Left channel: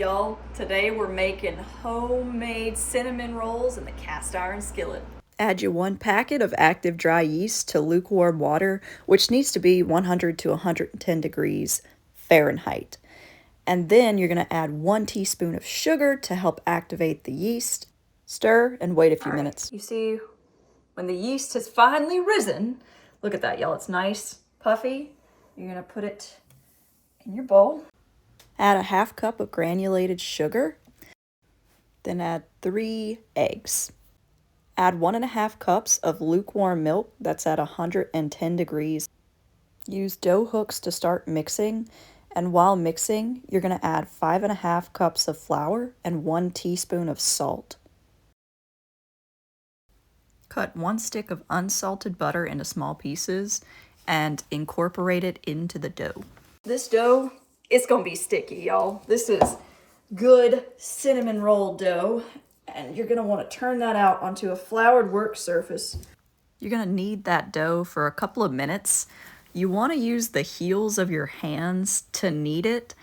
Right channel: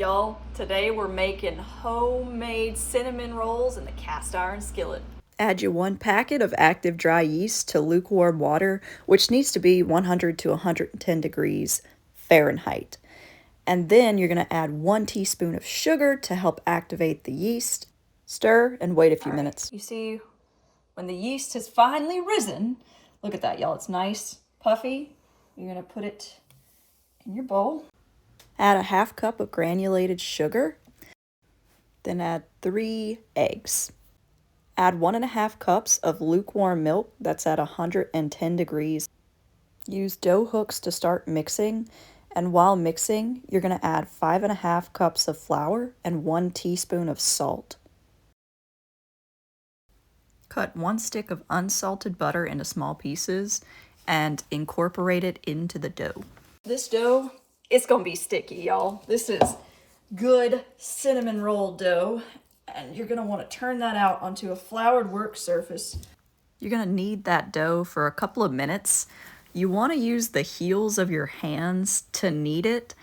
Y'all, today we're making homemade cinnamon rolls in the cast iron skillet. Add your 1 packet of active dry yeast to lukewarm water, which needs to be 100 to 110 degrees Fahrenheit. And then you're going to add 1 teaspoon of sugar to help activate the yeast. Stir and wait a few minutes. You see, when the yeast has finally risen, look at that, y'all. It's nice, puffy. You're going to put it in your bowl. Add a half cup of granulated sugar. Then add 3 eggs. Add 1.5 cups of lukewarm milk that's at 110 degrees. Use dough hooks to start mixing, and while mixing, you're going to add 5.5 cups of flour and 1 teaspoon of salt. Cut 1 stick of unsalted butter into small pieces and incorporate it into the dough. This dough, it's going to be sticky, y'all. This is good cinnamon roll dough, and you're going to want to turn that out onto a floured work surface. You're going to knead that dough for a couple of minutes. You want to use the heels of your hands to knead it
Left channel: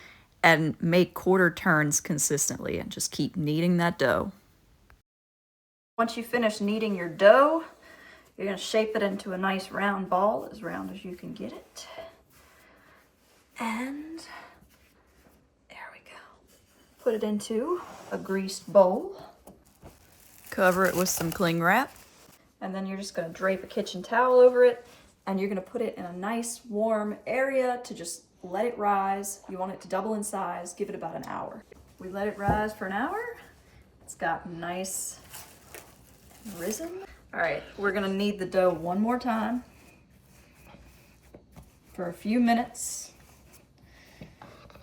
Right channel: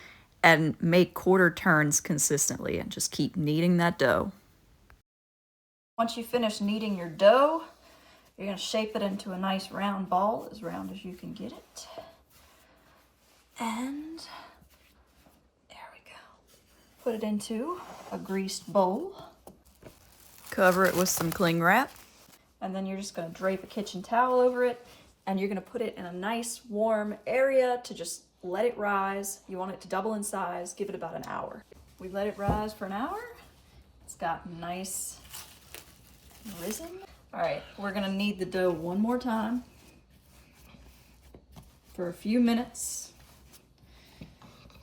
and make quarter turns consistently and just keep kneading that dough. Once you finish kneading your dough, you're going to shape it into a nice round ball, as round as you can get it. And there we go. Put it into a greased bowl. Cover it with some cling wrap. And then you're just going to drape a kitchen towel over it, and you're going to put it in a nice warm area to just let it rise. You want it to double in size. Give it about an hour. We let it rise for an hour. It's got nice risen. All right, we're going to knead the dough one more time for a few minutes.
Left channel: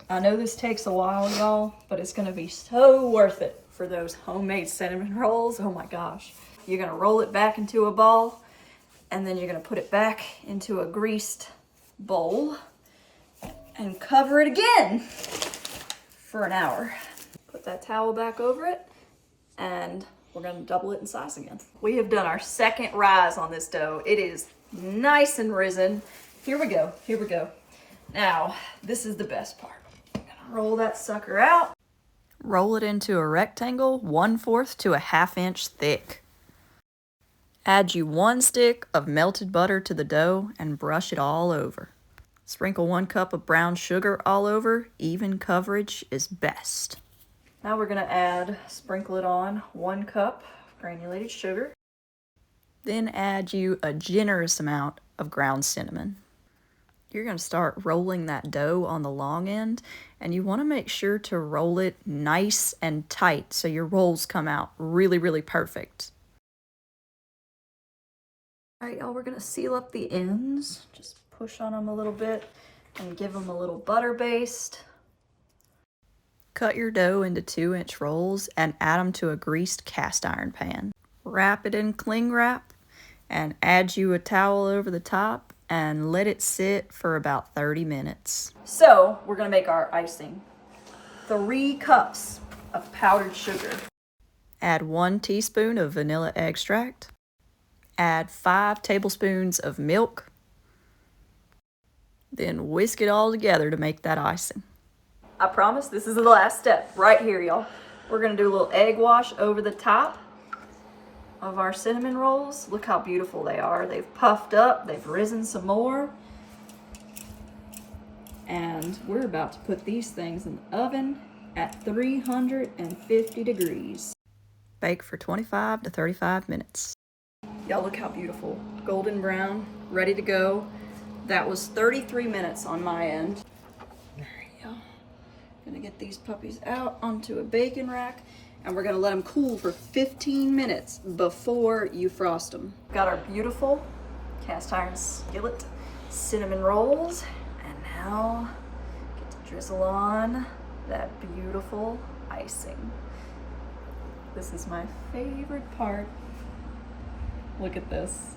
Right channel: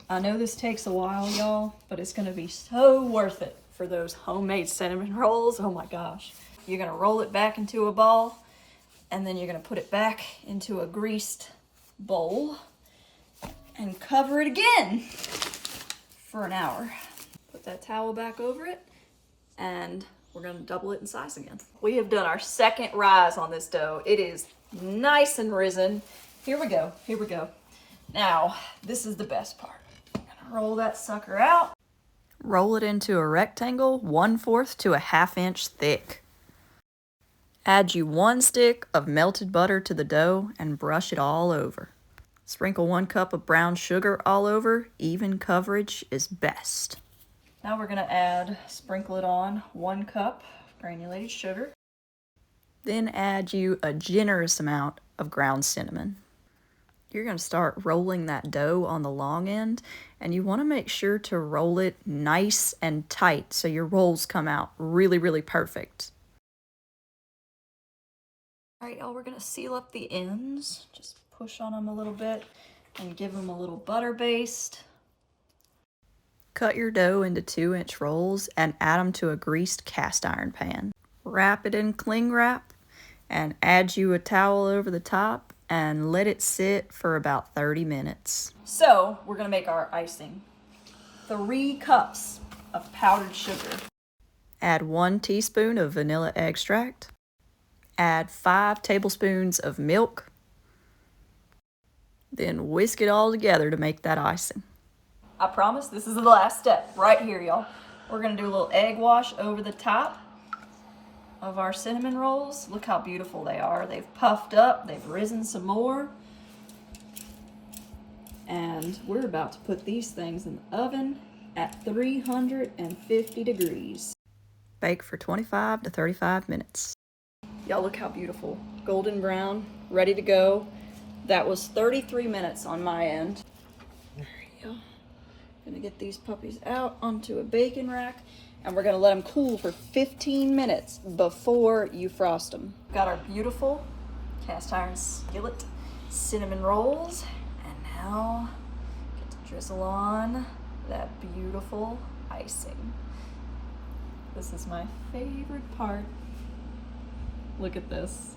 I know this takes a while, y'all, but it's going to be so worth it for those homemade cinnamon rolls. Oh my gosh. You're going to roll it back into a ball, and then you're going to put it back into a greased bowl and cover it again for an hour. Put that towel back over it, and we're going to double it in size again. We have done our second rise on this dough. It is nice and risen. Here we go. Here we go. Now, this is the best part. I'm going to roll that sucker out. Roll it into a rectangle 1/4 to a 1/2 inch thick. Add you 1 stick of melted butter to the dough and brush it all over. Sprinkle 1 cup of brown sugar all over. Even coverage is best. Now we're going to sprinkle it on 1 cup granulated sugar. Then add you a generous amount of ground cinnamon. You're going to start rolling that dough on the long end, and you want to make sure to roll it nice and tight so your rolls come out really, really perfect. All right, y'all, we're going to seal up the ends. Just push on them a little bit and give them a little butter baste. Cut your dough into 2-inch rolls and add them to a greased cast iron pan. Wrap it in cling wrap and add you a towel over the top and let it sit for about 30 minutes. So we're going to make our icing. 3 cups of powdered sugar. Add 1 teaspoon of vanilla extract. Add 5 tablespoons of milk. Then whisk it all together to make that icing. I promise this is the last step right here, y'all. We're going to do a little egg wash over the top of our cinnamon rolls. Look how beautiful they are. They've puffed up, they've risen some more. And we're about to put these things in the oven at 350 degrees. Bake for 25 to 35 minutes. Y'all, look how beautiful. Golden brown, ready to go. That was 33 minutes on my end. There you go. Gonna get these puppies out onto a baking rack, and we're gonna let them cool for 15 minutes before you frost them. Got our beautiful cast iron skillet cinnamon rolls, and now get to drizzle on that beautiful icing. This is my favorite part. Look at this.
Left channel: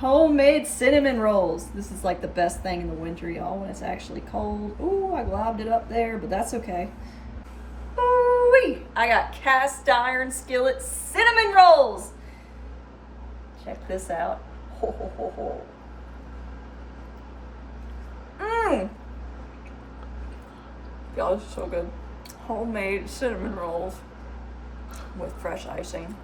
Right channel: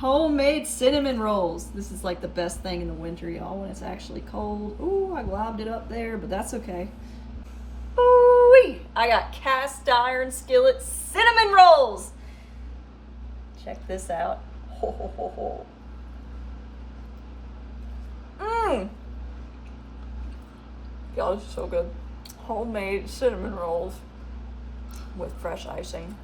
Homemade cinnamon rolls. This is like the best thing in the winter, y'all, when it's actually cold. Ooh, I globbed it up there, but that's okay. Ooh-wee! I got cast iron skillet cinnamon rolls. Check this out. Ho, ho, ho, ho. Mmm. Y'all, this is so good. Homemade cinnamon rolls with fresh icing.